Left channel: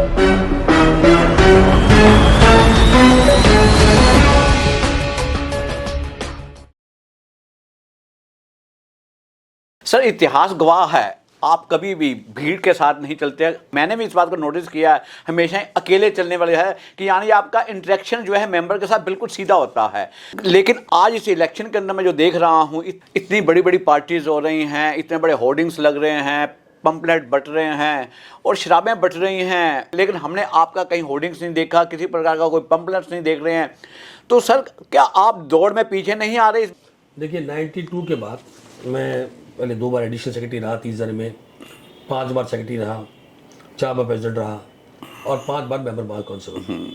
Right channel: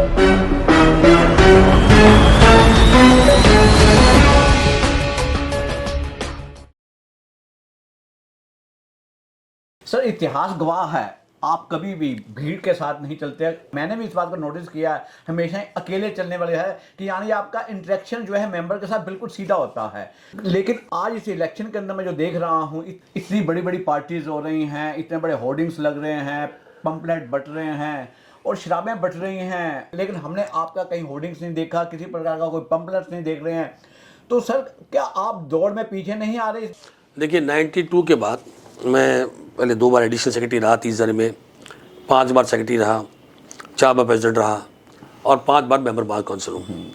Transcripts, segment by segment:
Sir, इतिहास गवाह है, आप कभी भी भीड़ के साथ नहीं चलते। मैंने भी इस बात को नोटिस किया है, हमेशा अकेले चलने वाले है कि यानी आपका इंटरेक्शन जो है मेंबर के साथ बिल्कुल सीधा होता है। लेकिन आज इस इलेक्शन के अंदर मैं जो देख रहा हूँ, इतनी बड़ी बड़ी पार्टीज हो रही हैं, इतने बड़े होर्डिंग्स लग रहे हैं, पंपलेट बट रहे हैं और शराबें बट रही हैं, लेकिन हमने आपका कहीं होर्डिंग्स नहीं देखा, किसी प्रकार का कोई पंपलेट्स नहीं देख रहे हैं। तो सर, क्या आप दौड़ में पीछे नहीं आ रहे? देखिए, 92 के बाद मैं पहले 2 बार एडिशनल सेक्रेटरी रहा 30 जने में, 5 बार सेक्रेटरी रहा, 4 बार प्रेसिडेंट रहा और 5 बार मेंबर बार काउंसिल हूँ।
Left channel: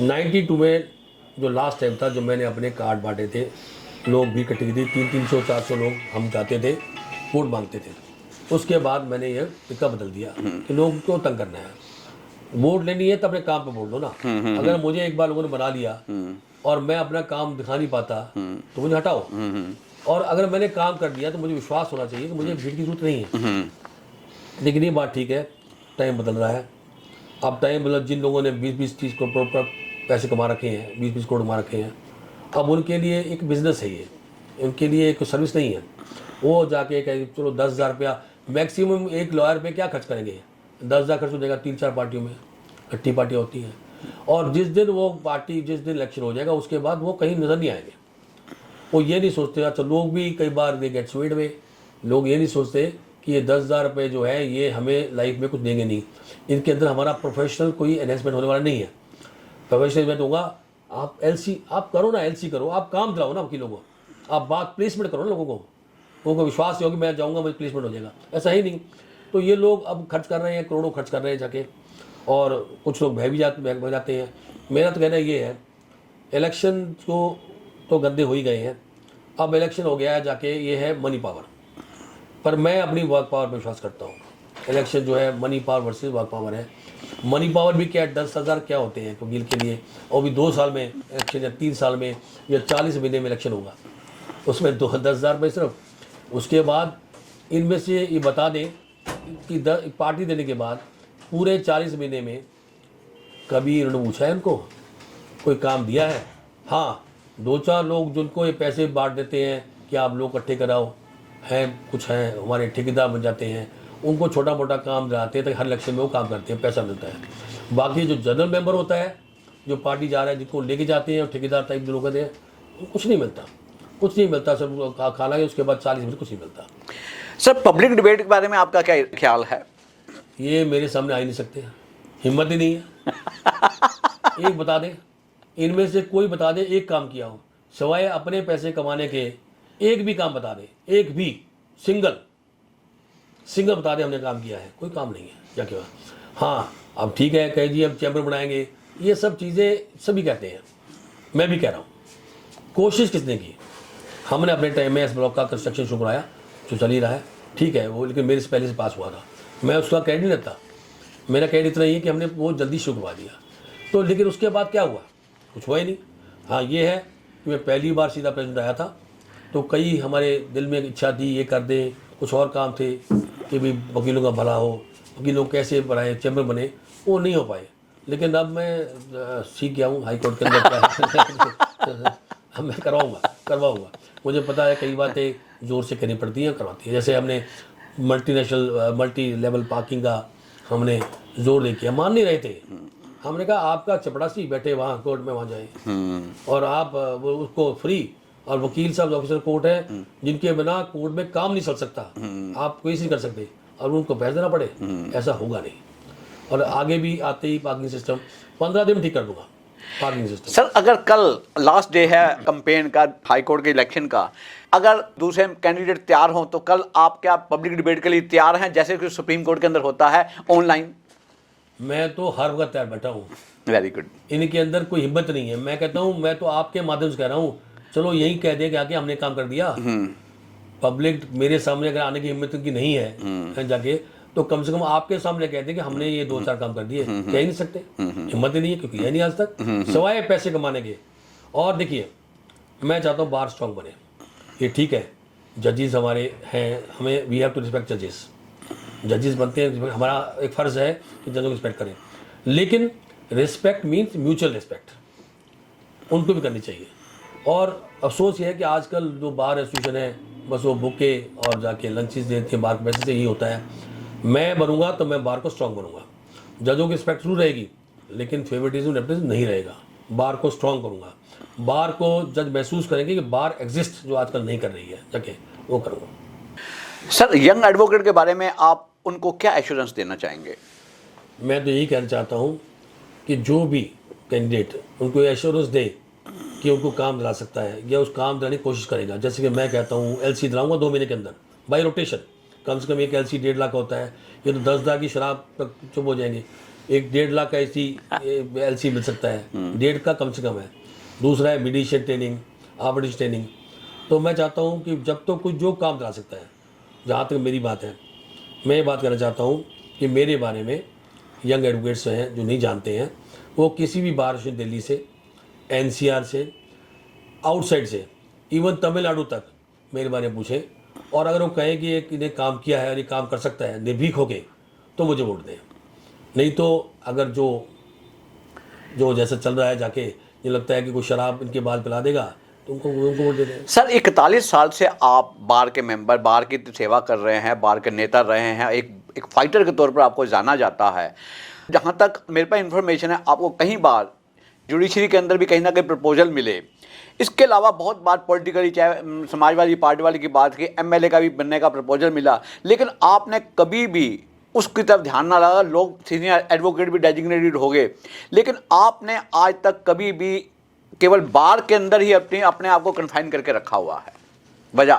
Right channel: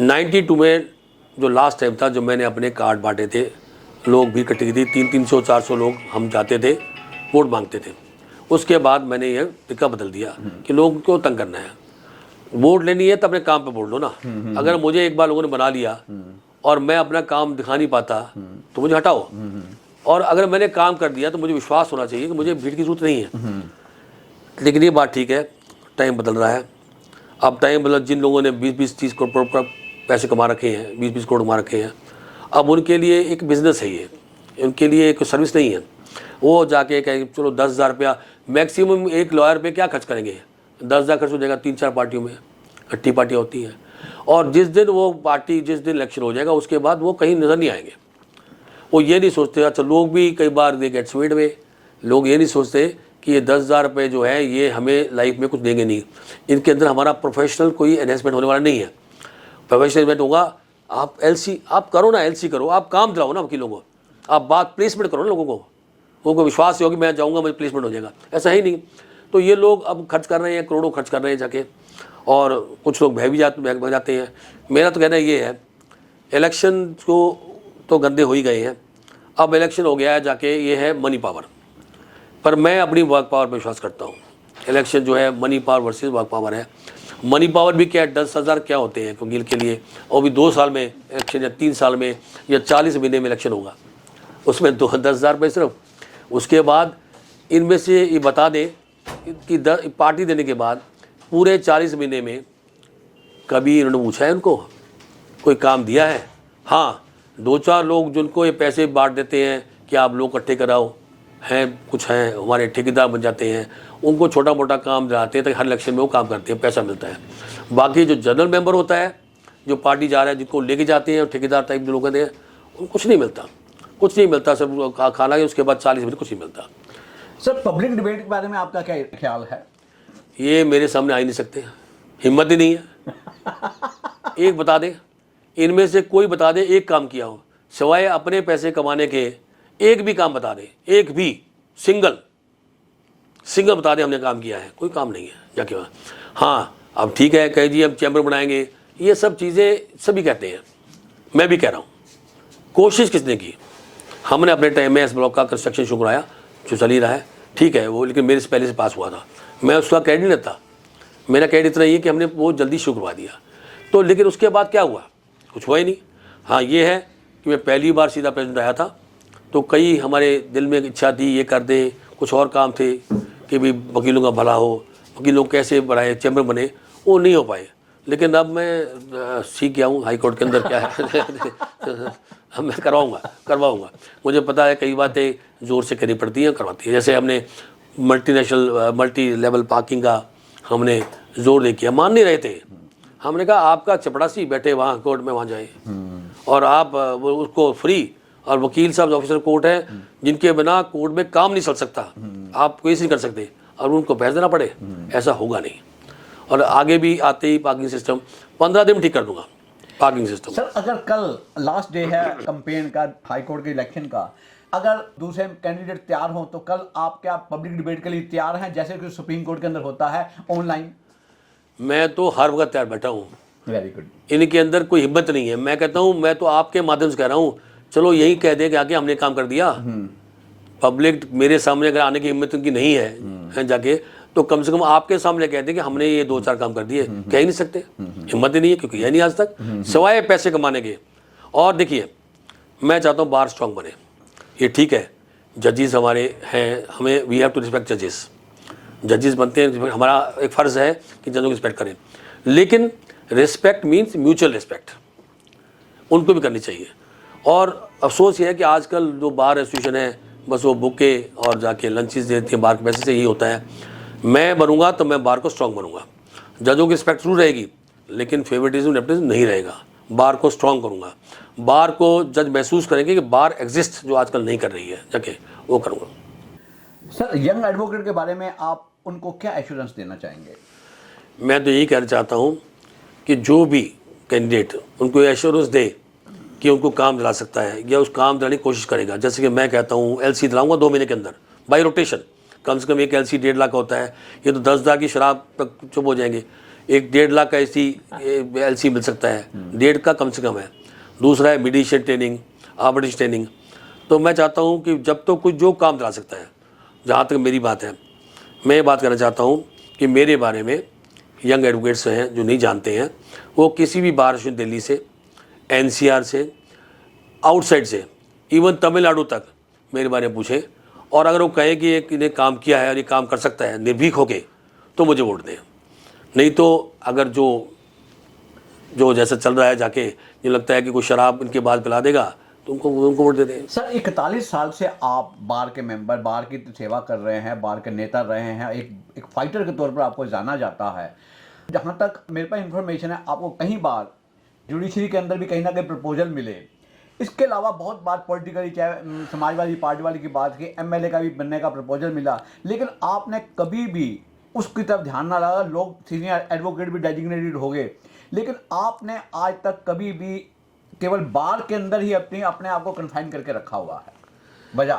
92 में जो लास्ट टाइम था, जो मैंने अपने कार्ड बांटे थे, लोग भी इकट्ठी की थी, 300-400 लोग हम जाते थे, वोट मांगते थे। उसके बाद मैंने ये तरीका बदल दिया कि लोगों को तंग करना है, वोट लेनी है तो अपने काम पे वोट लो ना। अगर मुझे एक बार लोगों ने बना लिया और मैं अपना काम दिखा नहीं पाता तो मुझे हटाओ, और अगर मैंने काम कर दिया तो मुझे विश्वास होना चाहिए कि मुझे भीड़ की जरूरत नहीं है। लेकिन ये बात ठीक है, टाइम बदल रहा है। अब टाइम बदल, जिन लोगों ने 20-30 करोड़ पैसे कमा रखे हैं, 20-20 करोड़ कमा रखे हैं, अब उनके लिए एक बिज़नेस है, ये उनके लिए एक सर्विस नहीं है। वो जाके कहें चलो 10,000 रुपया मैक्सिमम एक लॉयर पे क्या खर्च करेंगे, 10,000 खर्च हो जाएगा 3-4 पार्टियों में, इकट्ठी पार्टियाँ होती हैं। और जिस दिन वो पार्टी, जिस दिन इलेक्शन हो जाएगा, उसके बाद वो कहीं नज़र नहीं आएंगे। वो ये नहीं सोचते, अच्छा लोग भी कई बार दे गेट स्वीड में, लोग ये नहीं सोचते कि ये 10,000 रुपये जो है ये हमें लाइफ में कुछ देंगे नहीं। इनके अंदर हमारा प्रोफेशनल कोई एनहेंसमेंट होने वाला नहीं है। प्रोफेशनल एनहेंसमेंट होगा, आप LC आप करो ना, LC करो, आप काम दिलाओ ना वकीलों को, आप बात प्लेसमेंट करो ना, लोगों को विश्वास ही हो कि मैं जाऊँगा मुझे प्लेसमेंट हो जाएगा, ऐसा ही नहीं। तो ये लोग अब खर्च कर रहे हैं, करोड़ों खर्च कर रहे हैं जाके, और कुछ लोग भय भी जाते हैं। मेरा तो कहना ये है, इलेक्शन को तो गंदे हो ही गए हैं, अब इलेक्शन हो गया है जाके, ये है मनी पावर। पर मैं अपनी वर्क पावर पर विश्वास करता हूँ। इलेक्शन जो है money power versus work power है। मनी पावर भी क्या है, 10,000 क्या होते हैं वकील के लिए, और भी 2 साल में इलेक्शन, या 3 साल में, या 40 महीने में इलेक्शन होगा, उसमें 10,000 रुपये सिर्फ। उसके बाद इनमें से ये बता दें कि पार्टी देने के बाद पूरे 40 महीने में कभी इन्होंने पूछा है उनको, कोई काम दिया है? हाँ, 2-4 लोग जिनको ये पैसे बांट देते हैं कि आप लोग इकट्ठे कराओ, हैं कुछ हैं हमारे ठेकेदार बन जाते हैं, उनको छोटा मोटा काम दिलाते हैं ताकि हर इलेक्शन में वो काम करते हैं, पैसा मिलता है। बाकी जो जनरल मेंबर होता है, जो पार्टी जा रहा है, जिनको लेके जाते हैं, ठेकेदार टाइप जो लोग हैं, उनको कुछ नहीं मिलता, कुछ नहीं मिलता, सब खाना है, उसके बाद 40 मिनट कुछ नहीं मिलता। सर, पब्लिक डिबेट के बारे में आपका क्या ख्याल है? ये मेरे सामने आ ही नहीं सकते, हिम्मत ही नहीं है। एक बता दे, इनमें से कोई बता दे एक काम किया हो सिवाय अपने पैसे कमाने के, एक भी काम बता दे, एक भी सिंगल बता दे हमने काम किया है, कोई काम नहीं है जाके वहाँ। हाँ, अब ठीक है, कहे जी हम चैम्बर बनाएंगे, ये सब चीज़ें सभी कहते हैं, मैं भी कह रहा हूँ, कोशिश किसने की? हमने अपने टाइम में इस ब्लॉक का कंस्ट्रक्शन शुरू कराया, जो चल ही रहा है, ठीक है वो, लेकिन मेरे से पहले से पास हुआ था, मैं उसका क्रेडिट नहीं लेता। मेरा क्रेडिट इतना ही है कि हमने वो जल्दी शुरू करवा दिया। तो लेकिन उसके बाद क्या हुआ? कुछ हुआ ही नहीं। हाँ, ये है कि मैं पहली बार सीधा प्रेसिडेंट आया था, तो कई हमारे दिल में इच्छा थी ये कर दे, कुछ और काम थे कि भी वकीलों का भला हो, वकीलों कैसे बढ़ाए, चैम्बर बने, वो नहीं हो पाए। लेकिन अब मैं सीख गया हूँ हाई कोर्ट के अंदर क्या है। अब मैं करवाऊँगा। मुझे पता है कई बातें ज़ोर से करनी पड़ती हैं, करवाती है। जैसे हमने मल्टी लेवल पार्किंग का हमने जोर दे किया, मान नहीं रहे थे। हमने कहा आपका चपड़ासी बैठे वहाँ कोर्ट में, वहाँ जाए, और आप वो उसको फ्री, और वकील साहब ऑफिसर कोर्ट है जिनके बिना कोर्ट में काम नहीं चल सकता, आप कोई नहीं कर सकते, और उनको पैसे देना पड़े, ऐसा होगा नहीं। और आगे भी आते ही पार्किंग सिस्टम 15 दिन में ठीक कर दूंगा पार्किंग सिस्टम। सर, अगर कल लास्ट डे है कैंपेन का, हाई कोर्ट के इलेक्शन का, अगर दूसरे कैंडिडेट तैयार हो तो कल आप क्या पब्लिक डिबेट के लिए तैयार हैं, जैसे कि सुप्रीम कोर्ट के अंदर होता है ऑनलाइन? मैं तो हर वक्त तैयार बैठा हूँ। Very good. इनके अंदर कोई हिम्मत नहीं है। मैं कहता हूँ, मैं तो आपके माध्यम से कह रहा हूँ, चलो यही कह दे कि आके हमने काम कर दिया। पब्लिक मेरे सामने अगर आने की हिम्मत उनकी नहीं है जाके, तो कम से कम आपके सामने कह दे कि हमने ये 2-4 काम कर दिए। कह ही नहीं सकते, हिम्मत ही नहीं है, क्योंकि यह नहीं आज तक, सिवाय पैसे कमाने के। और देखिए, मैं चाहता हूँ बार स्ट्रॉन्ग बने, ये ठीक है, जजेस हमारे हैं, हमें वी हैव टू रिस्पेक्ट जजेस बनते हैं, हमारा एक फ़र्ज़ है कि जजों की रिस्पेक्ट करें। लेकिन रिस्पेक्ट मीन्स म्यूचुअल रिस्पेक्ट उनको भी करनी चाहिए। और अफसोस ये है कि आजकल जो बार एसोसिएशन है बस वो बुके और जाके लंचेस देती है बार के पैसे से, यही होता है। मैं बनूंगा तो मैं बार को स्ट्रॉन्ग बनूंगा, जजों की रिस्पेक्ट जरूर रहेगी लेकिन फेवरेटिज्म नेपोटिज्म नहीं रहेगा। बार को स्ट्रॉन्ग करूंगा, बार को जज महसूस करेंगे कि बार एग्जिस्ट जो आजकल नहीं कर रही है, जाके वो करूँगा। सर, यंग एडवोकेट के बारे में आप उनको क्या एश्योरेंस देना चाहेंगे? मैं तो यही कहना चाहता हूँ कि जो भी कैंडिडेट उनको एश्योरेंस दे कि उनको काम दिला सकता है या उस काम दिलाने की कोशिश करेगा। जैसे कि मैं कहता हूँ एलसी दिलाऊंगा 2 महीने के अंदर बाई रोटेशन, कम से कम एक एलसी 1.5 लाख होता है, ये तो 10 लाख की शराब तक चुप हो जाएंगे। एक 1.5 लाख का एलसी मिल सकता है, 1.5 का कम से कम है। दूसरा है मीडिएशन ट्रेनिंग, आर्बिट्रेशन ट्रेनिंग। तो मैं चाहता हूँ कि जब तो कोई जो काम दिला सकता है, जहाँ तक मेरी बात है, मैं ये बात करना चाहता हूँ कि मेरे बारे में यंग एडवोकेट्स हैं जो नहीं जानते हैं, वो किसी भी बार एसोसिएशन दिल्ली से, एनसीआर से, आउटसाइड से, इवन तमिलनाडु तक मेरे बारे में पूछें, और अगर वो कहें कि एक इन्हें काम किया है और ये काम कर सकता है निर्भीक होके, तो मुझे वोट दें। नहीं तो अगर जो जैसा चल रहा है, जाके ये लगता है कि कोई शराब इनके बाद पिला देगा, तो उनको वोट दे दें। सर, 41 साल से आप बार के मेंबर, बार की सेवा कर रहे हैं, बार के नेता रहे हैं, एक फाइटर के तौर पर आपको जाना जाता है। जहाँ तक मेरे पास इंफॉर्मेशन है, आपको कई बार जुडिशरी के अंदर भी कहीं ना कहीं प्रपोजल मिले। इसके अलावा बहुत बार पॉलिटिकली, चाहे समाजवादी पार्टी वाले की बात की, एमएलए का भी बनने का प्रपोजल मिला, लेकिन आपने कभी भी उसकी तरफ ध्यान ना लगा। लोग सीनियर एडवोकेट भी डेजिग्नेटेड हो गए, लेकिन आपने आज तक कभी भी केवल बार के अंदर ही अपने आप को कन्फाइन करके रखा हुआ है। वजह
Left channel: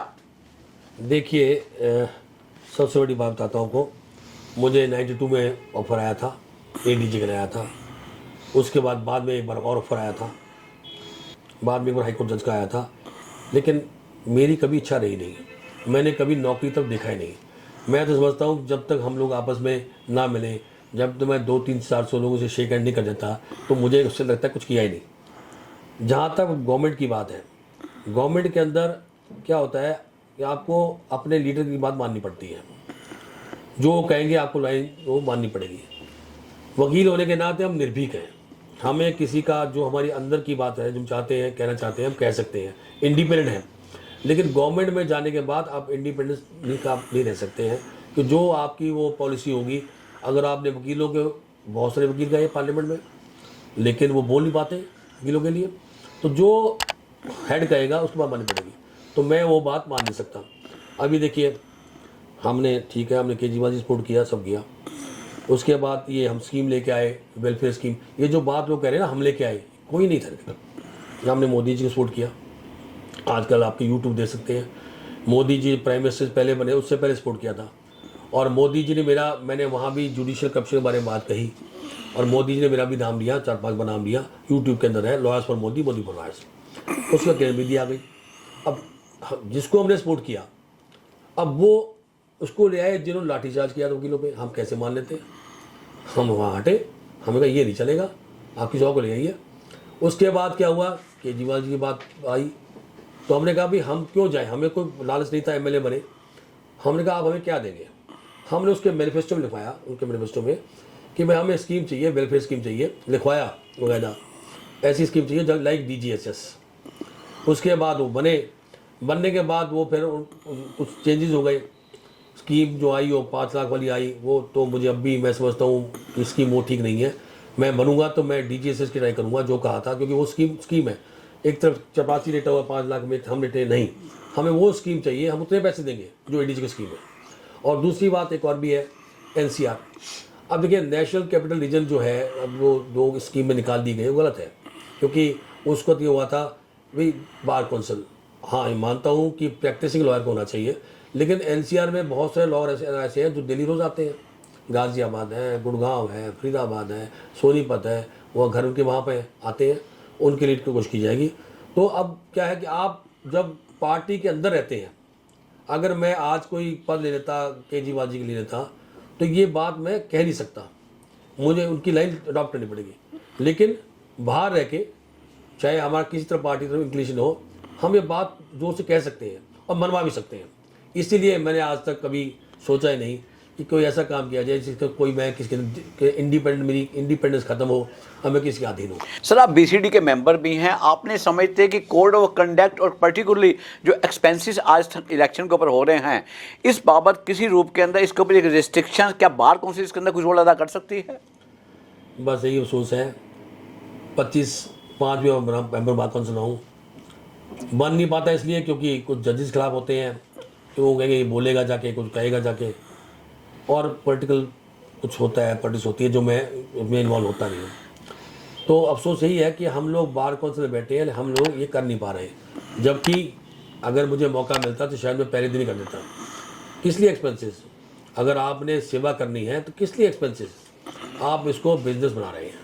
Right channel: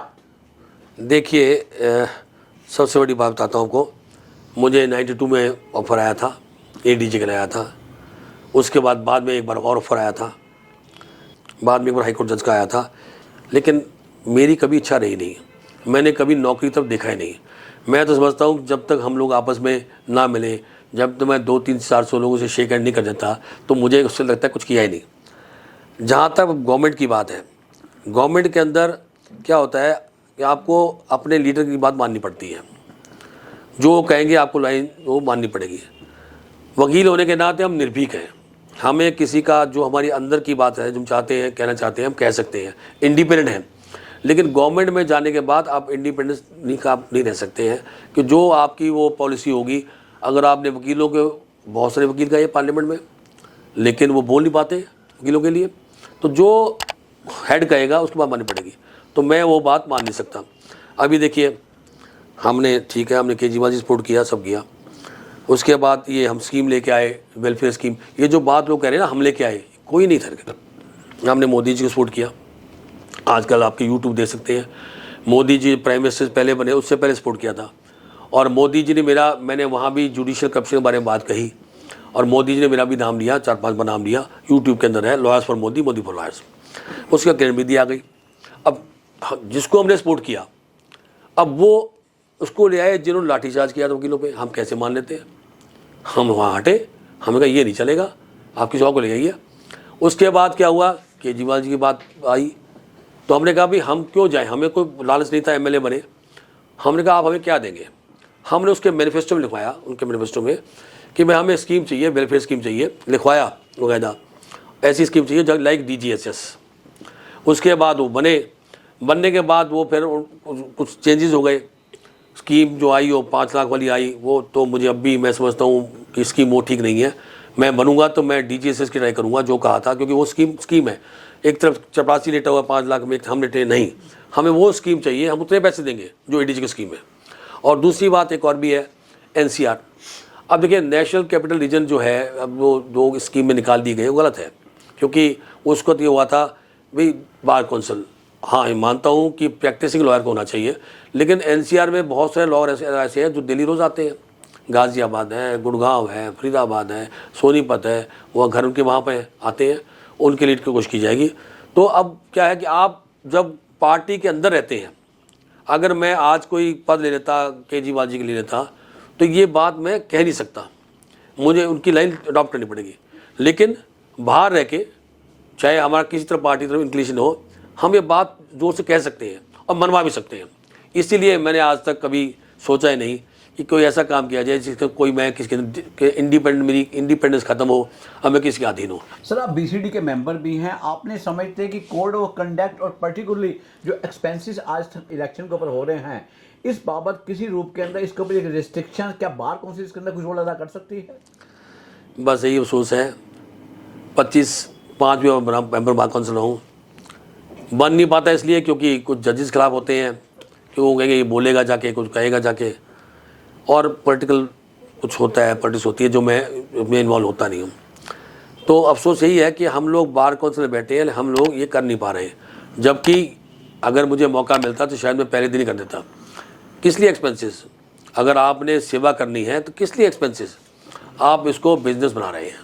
देखिए, सबसे बड़ी बात बताता हूँ आपको। मुझे 92 में ऑफ़र आया था, एडीजी के लिए आया था। उसके बाद में एक बार और ऑफ़र आया था, बाद में एक बार हाईकोर्ट जज का आया था। लेकिन मेरी कभी इच्छा रही नहीं, मैंने कभी नौकरी तरफ देखा ही नहीं। मैं तो समझता हूँ जब तक हम लोग आपस में ना मिलें, जब तक मैं 200-300-400 लोगों से शेक हैंड नहीं कर देता, तो मुझे उससे लगता है कुछ किया ही नहीं। जहाँ तक गवर्नमेंट की बात है, गवर्नमेंट के अंदर क्या होता है कि आपको अपने लीडर की बात माननी पड़ती है, जो कहेंगे आपको लाइन वो माननी पड़ेगी। वकील होने के नाते हम निर्भीक हैं, हमें किसी का जो हमारी अंदर की बात है, जो हम चाहते हैं कहना चाहते हैं, हम कह सकते हैं, इंडिपेंडेंट हैं। लेकिन गवर्नमेंट में जाने के बाद आप इंडिपेंडेंस नहीं रह सकते हैं कि जो आपकी वो पॉलिसी होगी। अगर आपने वकीलों के, बहुत सारे वकील गए पार्लियामेंट में, लेकिन वो बोल नहीं पाते वकीलों के लिए, तो जो हेड कहेगा उसकी बात माननी पड़ेगी। तो मैं वो बात मान नहीं सकता। अभी देखिए, हमने ठीक है, हमने केजरीवाल जी सपोर्ट किया, सब किया। उसके बाद ये हम स्कीम लेके आए, वेलफेयर स्कीम, ये जो बात लोग कह रहे हैं ना हम लेके आए, कोई नहीं था। हमने मोदी जी को सपोर्ट किया। आजकल आपके यूट्यूब देख सकते हैं, मोदी जी प्राइम मिनिस्टर पहले बने, उससे पहले सपोर्ट किया था। और मोदी जी ने मैंने वहाँ भी जुडिशियल करप्शन के बारे में बात कही, और मोदी जी ने मेरा भी नाम लिया, 4-5 बार नाम लिया। यूट्यूब के अंदर है lawyers for Modi, Modi for lawyers, उसका क्रेडिट भी दिया गई। अब जिसको हमने सपोर्ट किया, अब वो उसको ले आए जिन्होंने लाठीचार्ज किया था वकीलों पे। हम कैसे मान लेते हैं? हम वहाँ हटे, हमें कहा ये नहीं चलेगा, आपकी जॉब को ले आइए। उसके बाद क्या हुआ, केजरीवाल जी की बात आई, तो हमने कहा भाई हम क्यों जाएं, हमें कोई लालच नहीं था एमएलए बने। हमने कहा आप हमें क्या देंगे? हमने उसके मैनिफेस्टो में लिखवाया, उनके मैनिफेस्टो में, कि भाई हमें स्कीम चाहिए, वेलफेयर स्कीम चाहिए, लिखवाया वगैरह, ऐसी स्कीम चाहिए जब लाइक DGHS। उसके बाद वो बनने के बाद वो फिर कुछ चेंजेस हो गए। स्कीम जो आई वो 5 लाख वाली आई, वो तो मुझे अब भी मैं समझता हूँ कि स्कीम वो ठीक नहीं है। मैं बनूंगा तो मैं DGHS की ट्राई करूँगा जो कहा था, क्योंकि वो स्कीम है। एक तरफ चपरासी लेटा हुआ 5 लाख में, हम लेटे नहीं, हमें वो स्कीम चाहिए, हम उतने पैसे देंगे जो ADG की स्कीम है। और दूसरी बात एक और भी है, NCR। अब देखिए, नेशनल कैपिटल रीजन जो है, अब वो 2 स्कीम में निकाल दी गई, वो गलत है। क्योंकि उसको तो ये हुआ था भाई बार काउंसिल, हाँ मैं मानता हूँ कि प्रैक्टिसिंग लॉयर को होना चाहिए, लेकिन NCR में बहुत सारे लॉयर ऐसे हैं जो दिल्ली रोज़ आते हैं। गाज़ियाबाद है, गुड़गांव है, फरीदाबाद है, सोनीपत है, वो घर उनके वहाँ पे आते हैं, उनके लीड की कोशिश की जाएगी। तो अब क्या है कि आप जब पार्टी के अंदर रहते हैं, अगर मैं आज कोई पद ले लेता, केजरीवाल जी के ले लेता, तो ये बात मैं कह नहीं सकता, मुझे उनकी लाइन अडॉप्ट करनी पड़ेगी। लेकिन बाहर रह के, चाहे हमारा किसी तरह पार्टी तरफ इंक्लिनेशन हो, हम ये बात जोर से कह सकते हैं और मनवा भी सकते हैं। इसीलिए मैंने आज तक कभी सोचा ही नहीं कि कोई ऐसा काम किया जाए जिसका कोई मैं किसी के इंडिपेंडेंट, मेरी इंडिपेंडेंस खत्म हो और मैं किसी के अधीन हूँ। सर, आप बीसीडी के मेंबर भी हैं, आपने समझते हैं कि कोड ऑफ कंडक्ट और पर्टिकुलरली जो एक्सपेंसेस आज तक इलेक्शन के ऊपर हो रहे हैं, इस बाबत किसी रूप के अंदर इसके ऊपर एक रिस्ट्रिक्शन क्या बार काउंसिल इसके अंदर कुछ रोल अदा कर सकती है? बस यही अफसोस है, 5 भी मेंबर बार काउंसिल हूँ, बन नहीं पाता इसलिए क्योंकि कुछ जजेस खिलाफ होते हैं कि वो कहेंगे ये बोलेगा जाके, कुछ कहेगा जाके, और पॉलिटिकल कुछ होता है, पॉलिटिक्स होती है जो मैं इन्वॉल्व होता नहीं हूँ। तो अफसोस यही है कि हम लोग बार काउंसिल में बैठे हैं, हम लोग ये कर नहीं पा रहे हैं, जबकि अगर मुझे मौका मिलता तो शायद मैं पहले दिन ही कर देता। किस लिए एक्सपेंसेस? अगर आपने सेवा करनी है तो किस लिए एक्सपेंसेस? आप इसको बिजनेस बना रहे हैं,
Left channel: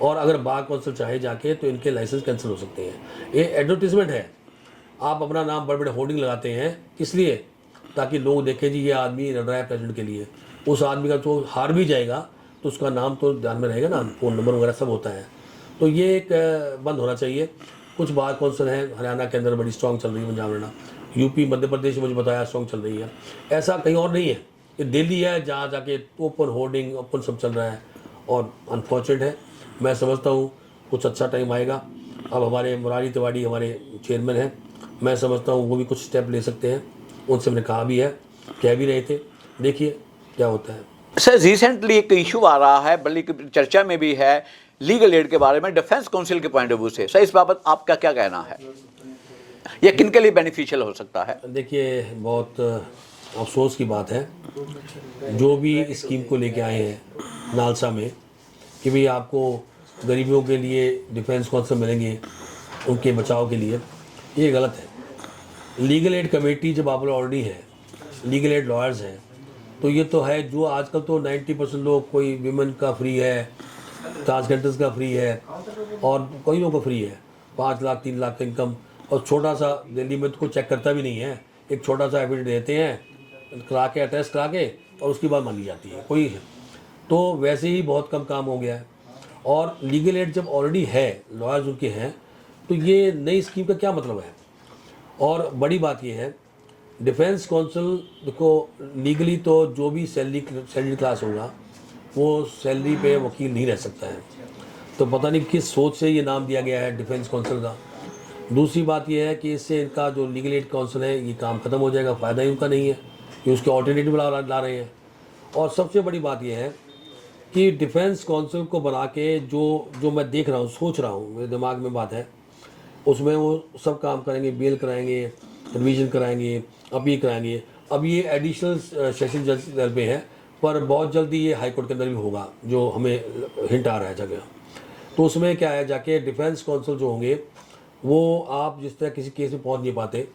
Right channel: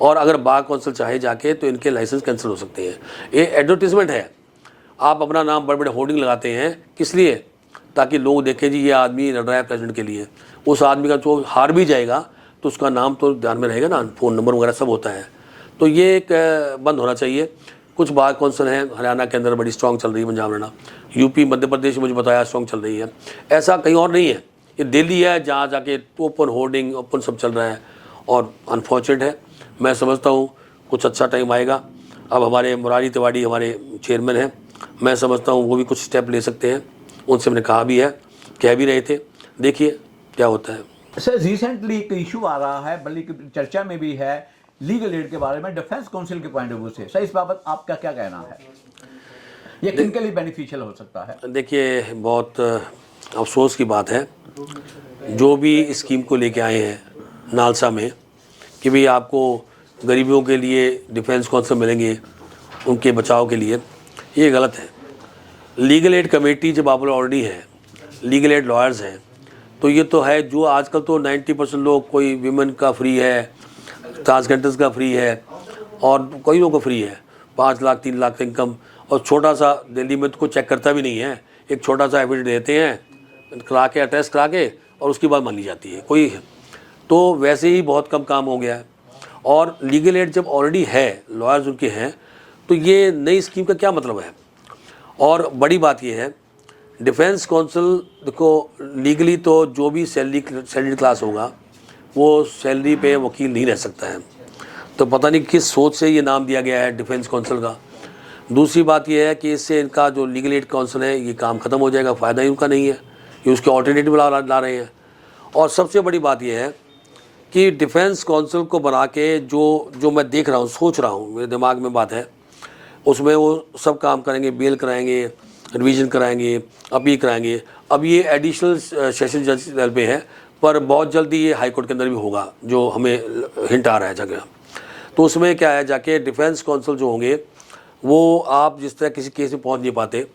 और अगर बार काउंसिल चाहे जाके तो इनके लाइसेंस कैंसिल हो सकते हैं। ये एडवर्टीजमेंट है, आप अपना नाम बड़े बड़े होर्डिंग लगाते हैं, किस लिए? ताकि लोग देखें जी ये आदमी लड़ रहा है प्रेसिडेंट के लिए। उस आदमी का जो हार भी जाएगा तो उसका नाम तो ध्यान में रहेगा ना, फ़ोन नंबर वगैरह सब होता है। तो ये एक बंद होना चाहिए। कुछ बार काउंसिल हैं हरियाणा के अंदर बड़ी स्ट्रॉन्ग चल रही है, पंजाब हरियाणा, यूपी मध्य प्रदेश मुझे बताया स्ट्रॉन्ग चल रही है। ऐसा कहीं और नहीं है, ये दिल्ली है जहाँ जाके ओपन होर्डिंग ओपन सब चल रहा है, और अनफॉर्चुनेट है। मैं समझता हूँ कुछ अच्छा टाइम आएगा। अब हमारे मुरारी तिवारी हमारे चेयरमैन हैं, मैं समझता हूँ वो भी कुछ स्टेप ले सकते हैं, उनसे मैंने कहा भी है, कह भी रहे थे, देखिए क्या होता है। सर, रिसेंटली एक इशू आ रहा है, बल्कि चर्चा में भी है, लीगल एड के बारे में डिफेंस काउंसिल के पॉइंट ऑफ व्यू से। सर, इस बाबत आपका क्या कहना है? ये किन के लिए बेनिफिशियल हो सकता है? देखिए, बहुत अफसोस की बात है जो भी इस स्कीम को लेके आए हैं नालसा में कि भाई आपको गरीबियों के लिए डिफेंस काउंसिल मिलेंगे उनके बचाव के लिए, ये गलत है। लीगल एड कमेटी जब आप ऑलरेडी है, लीगल एड लॉयर्स हैं, तो ये तो है जो आजकल तो 90% लोग, कोई विमेन का फ्री है, ट्रांसजेंडर्स का फ्री है, और कई लोगों का फ्री है, 5 लाख 3 लाख का इनकम, और छोटा सा दिल्ली में तो कोई चेक करता भी नहीं है, एक छोटा सा एफिडेविट देते हैं करा के, अटेस्ट करा के, और उसकी बात मान ली जाती है कोई है। तो वैसे ही बहुत कम काम हो गया है। और लीगल एड जब ऑलरेडी है, लॉयर्स उनके हैं, तो ये नई स्कीम का क्या मतलब है? और बड़ी बात ये है, डिफेंस काउंसिल देखो, लीगली तो जो भी सैलरी क्लास होगा वो सैलरी पे वकील नहीं रह सकता है। तो पता नहीं किस सोच से ये नाम दिया गया है डिफेंस काउंसिल का। दूसरी बात ये है कि इससे इनका जो लीगल एड काउंसिल है ये काम ख़त्म हो जाएगा, फ़ायदा ही उनका नहीं है, ये उसके ऑल्टरनेटिव ला रहे हैं। और सबसे बड़ी बात यह है कि डिफेंस काउंसिल को बना के जो मैं देख रहा हूँ, सोच रहा हूँ, मेरे दिमाग में बात है, उसमें वो सब काम करेंगे, बेल कराएंगे, रिवीजन कराएंगे, अपील कराएंगे। अब ये एडिशनल सेशन जज लेवल पे है, पर बहुत जल्दी ये हाई कोर्ट के अंदर भी होगा, जो हमें हिंट आ रहा है जगह। तो उसमें क्या है, जाके डिफेंस काउंसिल जो होंगे वो आप जिस तरह किसी केस में पहुंच नहीं पाते,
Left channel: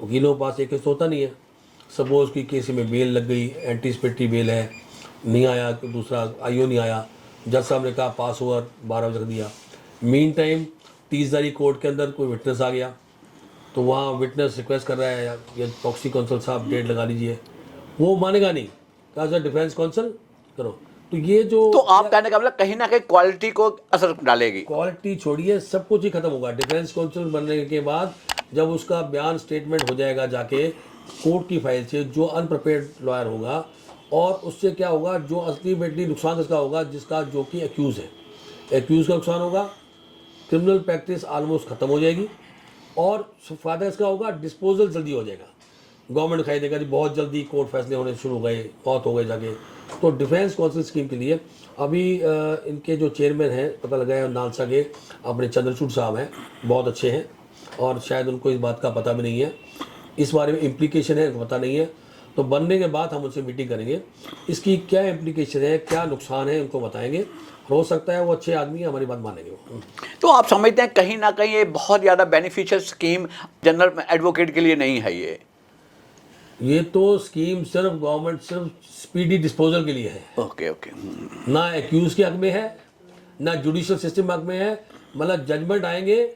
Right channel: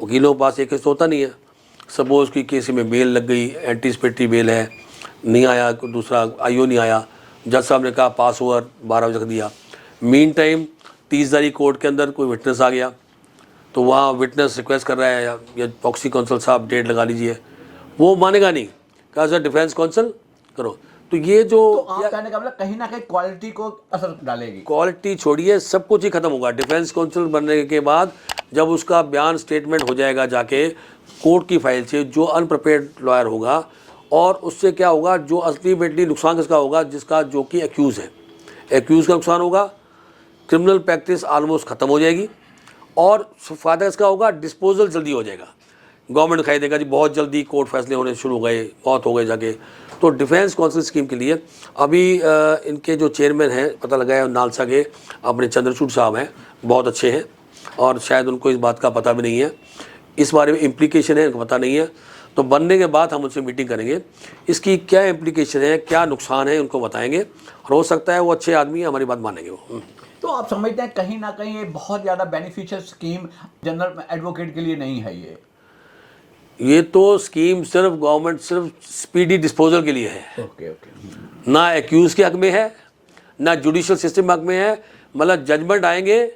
वकीलों के पास एक केस तो होता नहीं है, सपोज़ की केस में बेल लग गई, एंटीसिपेटरी बेल है, नहीं आया, दूसरा आईओ नहीं आया, जज साहब ने कहा पास ओवर 12 बजे रख दिया। मीन टाइम 30 तारीख कोर्ट के अंदर कोई विटनेस आ गया, तो वहाँ विटनेस रिक्वेस्ट कर रहा है या प्रॉक्सी काउंसिल साहब डेट लगा लीजिए, वो मानेगा नहीं, कहा सर डिफेंस काउंसिल करो। तो ये जो तो आप कहने का मतलब कहीं ना कहीं क्वालिटी को असर डालेगी। क्वालिटी छोड़िए, सब कुछ ही खत्म होगा। डिफेंस काउंसिल बनने के बाद जब उसका बयान स्टेटमेंट हो जाएगा जाके कोर्ट की फाइल से, जो अनप्रिपेयर्ड लॉयर होगा, और उससे क्या होगा, जो अल्टीमेटली नुकसान किसका होगा, जिसका जो कि एक्यूज़ है, एक्यूज़ का नुकसान होगा, क्रिमिनल प्रैक्टिस ऑलमोस्ट ख़त्म हो जाएगी, और फ़ायदा इसका होगा, डिस्पोजल जल्दी हो जाएगा। गवर्नमेंट दिखाई देगा जी बहुत जल्दी कोर्ट फैसले होने शुरू हो गए, बहुत हो गए जाके। तो डिफेंस काउंसिल स्कीम के लिए अभी इनके जो चेयरमैन हैं, पता लगा है नालसा के अपने चंद्रचूड़ साहब हैं, बहुत अच्छे हैं, और शायद उनको इस बात का पता भी नहीं है, इस बारे में इम्प्लीकेशन है इनको पता नहीं है। तो बनने के बाद हम उनसे मीटिंग करेंगे, इसकी क्या इम्प्लीकेशन है, क्या नुकसान है, उनको बताएंगे, और हो सकता है वो अच्छे आदमी हमारी बात मानेंगे वो। तो आप समझते हैं कहीं ना कहीं ये बहुत ज़्यादा बेनिफिशियल स्कीम जनरल एडवोकेट के लिए नहीं है? ये तो स्कीम सिर्फ गवर्नमेंट सिर्फ स्पीडी डिस्पोजल के लिए है। Okay okay. ना एक्यूज के हक में है, ना जुडिशियल सिस्टम हक में है, मतलब जजमेंट आएंगे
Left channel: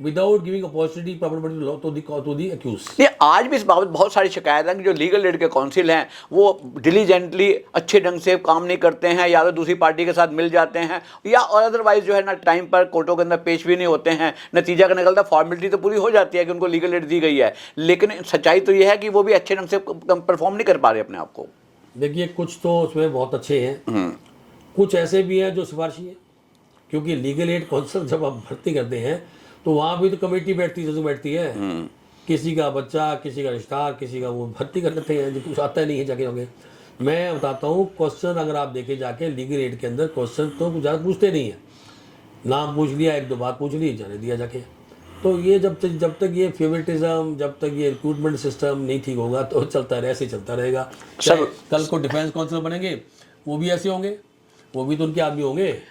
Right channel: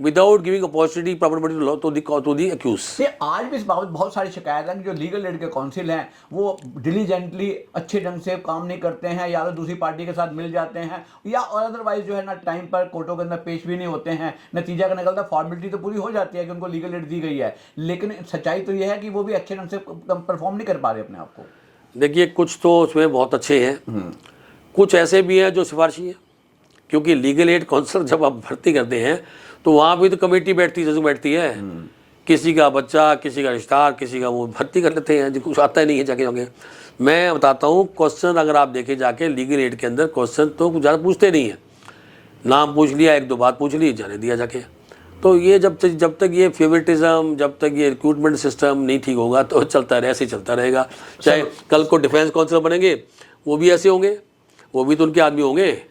without giving opportunity property to the accused. नहीं, आज भी इस बाबत बहुत सारी शिकायत है कि जो लीगल एड के काउंसिल हैं वो डिलीजेंटली अच्छे ढंग से काम नहीं करते हैं, या तो दूसरी पार्टी के साथ मिल जाते हैं, या और अदरवाइज जो है ना टाइम पर कोर्टों के अंदर पेश भी नहीं होते हैं। नतीजा का निकलता फॉर्मेलिटी तो पूरी हो जाती है कि उनको लीगल एड दी गई है, लेकिन सच्चाई तो ये है कि वो भी अच्छे ढंग से परफॉर्म नहीं कर पा रहे अपने आप को। देखिए कुछ तो उसमें बहुत अच्छे हैं, कुछ ऐसे भी हैं जो सिफारशी हैं, क्योंकि लीगल एड काउंसलर जब आप भर्ती करते हैं तो वहाँ भी तो कमेटी बैठती है, जज बैठती है, किसी का बच्चा, किसी का रिश्तेदार, किसी का वो भर्ती कर लेते हैं, जिनको कुछ आता ही नहीं है जाके होंगे। मैं बताता हूँ क्वेश्चन अगर आप देखें जाके लीगल एड के अंदर क्वेश्चन तो कुछ ज़्यादा पूछते नहीं हैं, नाम पूछ लिया, एक दो बात पूछ ली, जाने दिया जाके। तो ये जब तक ये फेवरेटिज्म, जब तक ये रिक्रूटमेंट सिस्टम नहीं ठीक होगा तो चलता रहे, ऐसे ही चलता रहेगा। चाहे कल को डिफेंस काउंसिलर बनेंगे वो भी ऐसे होंगे, वो भी तो उनके आदमी होंगे,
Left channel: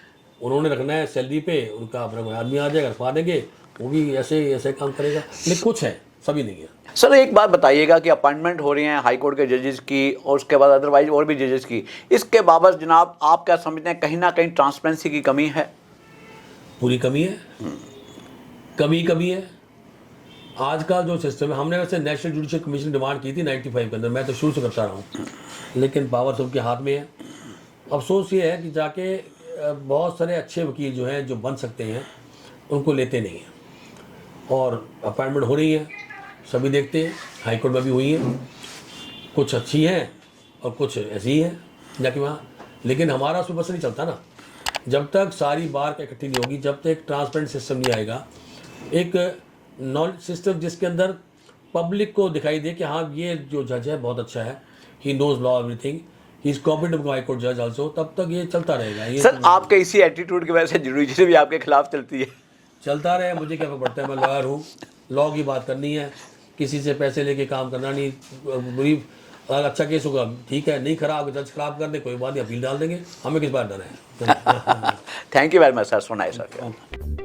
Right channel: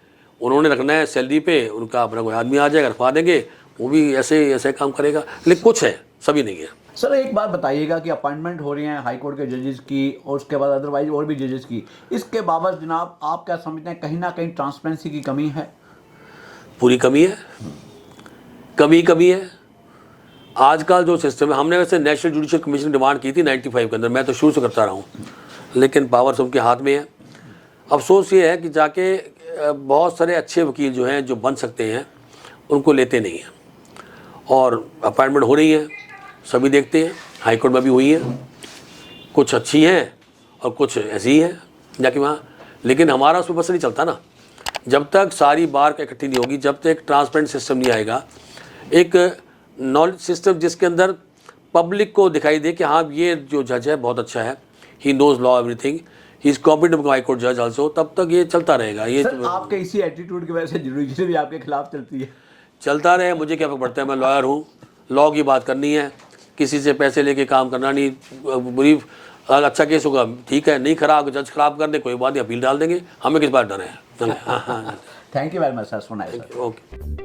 उन्होंने रखना है सैलरी पे, उनका अपना कोई आदमी आ जाएगा रखवा देंगे, वो भी ऐसे काम करेगा। लेकिन कुछ है, सभी नहीं है। सर एक बात बताइएगा कि अपॉइंटमेंट हो रही हैं हाई कोर्ट के जजेस की और उसके बाद अदरवाइज और भी जजेस की, इसके बाबत जनाब आप क्या समझते हैं, कहीं ना कहीं ट्रांसपेरेंसी की कमी है? पूरी कमी है, कमी है। आजकल जो सिस्टम है, हमने वैसे नेशनल जुडिशियल कमीशन डिमांड की थी 95 के अंदर, मैं तो शुरू से करता रहा हूँ, लेकिन पावर सबके हाथ में है। अफसोस ये है कि जाके बहुत सारे अच्छे वकील जो हैं, जो बन सकते हैं, उनको लेते नहीं हैं। और अपॉइंटमेंट हो रही है, सभी देखते हैं, हाई कोर्ट में भी हुई है, कुछ अच्छी हैं और कुछ ऐसी ही हैं जाके वहाँ। लेकिन हमारा उसमें बस नहीं चलता ना, जब तक सारी बार इकट्ठी नहीं होगी, जब तक एक ट्रांसपेरेंट सिस्टम नहीं आएगा, एक नॉलेज सिस्टम जिसके अंदर पब्लिक को दिखाई दे कि हाँ ये जो जज है बहुत अच्छा है, he knows law everything, he is competent high court जज आल्सो, तब तक ये चलता रहेगा। ये सर आपके इसी एटीट्यूड की वजह से जुडिशरी भी आपके खिलाफ चलती है। चलता रहे, मुझे क्या फर्क पड़ता है, मैं लॉयर हूँ, लॉ की बात करनी है, किसी से पैसे लेके काम करना नहीं। बुरी अच्छा केस होगा ठीक है, नहीं खराब जज खराब कर दे कोई बात नहीं, अपील डाल देंगे, हमें किस बात डर है। Thank you very much sir, so nice sir. Okay.